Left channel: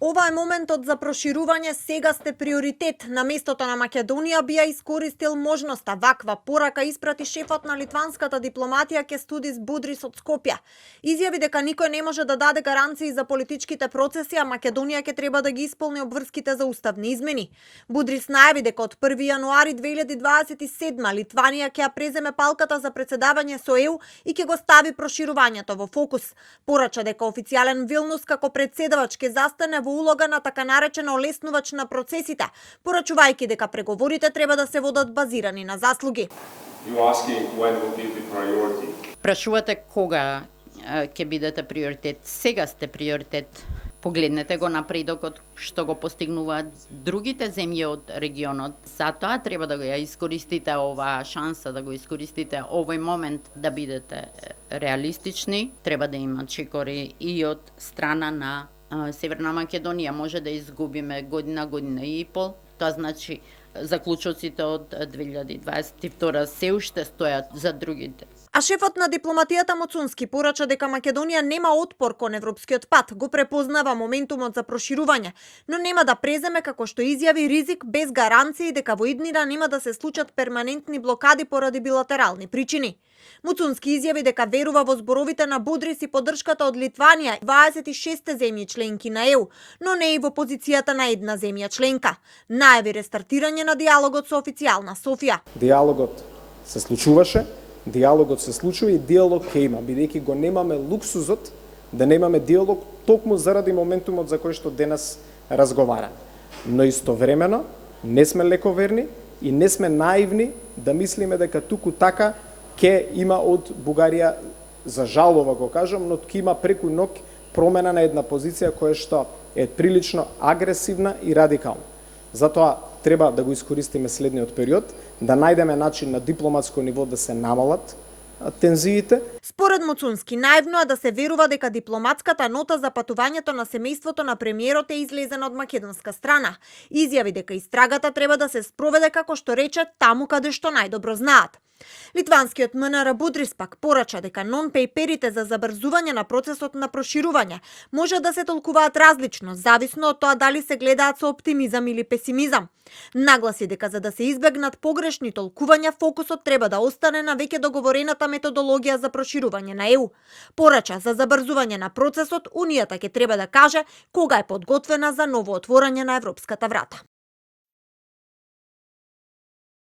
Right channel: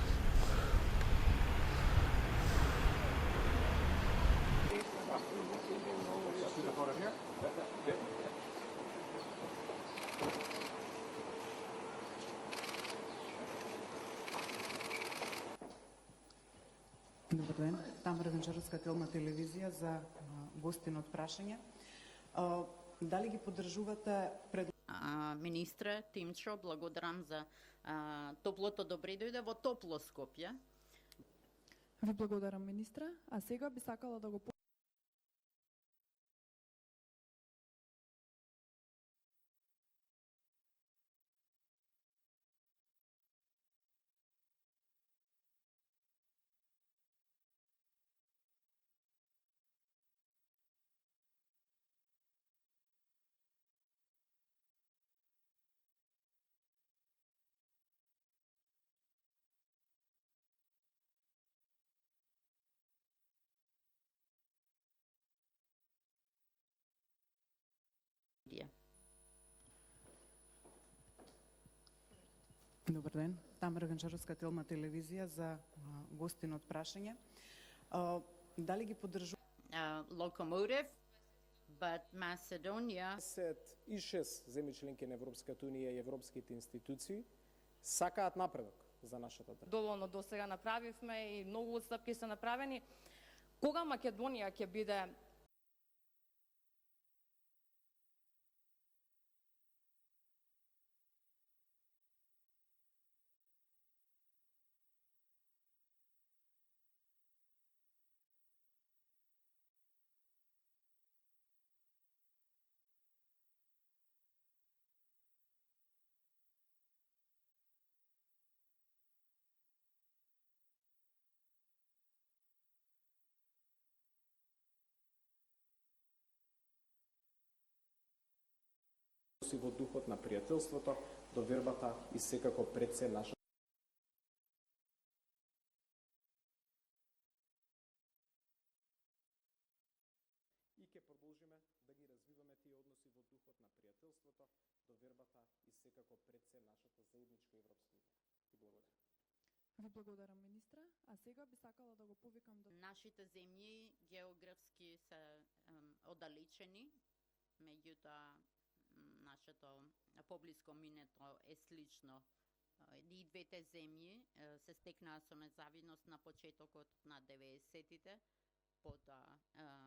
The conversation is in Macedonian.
Ова е моментот за проширување, сега сте приоритет. На местото на Македонија би ја искористил можноста. Ваква порака испрати шефот на литванската дипломатија Кестудис Будрис од Скопје. Изјави дека никој не може да даде гаранции за политичките процеси, а Македонија ќе треба да ги исполни обврските за уставни измени. Будрис најави дека од 1 јануари 2027 Литванија ќе ја преземе палката за председавање со ЕУ и ќе го стави проширувањето во фокус. Порача дека официјален Вилнус како председавач ќе застане во улога на така наречено олеснувач на процесите, порачувајќи дека преговорите треба да се водат базирани на заслуги. Прашувате кога ќе бидете приоритет. Сега сте приоритет. Погледнете го напредокот што го постигнуваат другите земји од регионот. Затоа треба да ја искористите оваа шанса, да го искористите овој момент да бидете реалистични. Треба да има чекори и од страна на Северна Македонија. Може да изгубиме година и пол. Тоа значи заклучоците од 2022 се уште стојат за другите. А шефот на дипломатијата Моцунски порача дека Македонија нема отпор кон европскиот пат, го препознава моментумот за проширување, но нема да преземе, како што изјави, ризик без гаранции дека во иднина нема да се случат перманентни блокади поради билатерални причини. Моцунски изјави дека верува во зборовите на Будрис и поддршката од Литванија, 26 земји членки на ЕУ, но не и во позицијата на една земја членка. Најави рестартирање на диалогот со официјална Софија. Диалогот се случуваше, диалогот се случува и диалог ќе има, бидејќи го немаме луксузот да немаме диалог токму заради моментумот за кој што денес разговараме. Но истовремено не сме лековерни и не сме наивни да мислиме дека туку така ќе има од Бугарија, за жалова го кажам, но ќе има преку ног промена на една позиција која што е прилично агресивна и радикална. Затоа треба да го искористиме следниот период, да најдеме начин на дипломатско ниво да се намалат тензиите. Според Моцунски, наивно е да се верува дека дипломатската нота за патувањето на семејството на премиерот е излезена од македонска страна. Изјави дека истрагата треба да се спроведе, како што рече, таму каде што најдобро знаат. Литванскиот МНР Будрис пак порача дека нон-пейперите за забрзување на процесот на проширување може да се толкуваат различно, зависно од тоа дали се гледаат со оптимизам или песимизам. Нагласи дека за да се избегнат погрешни толкувања, фокусот треба да остане на веќе договорената методологија за проширување на ЕУ. Порача за забрзување на процесот, Унијата ќе треба да каже кога е подготвена за ново отворање на европската врата.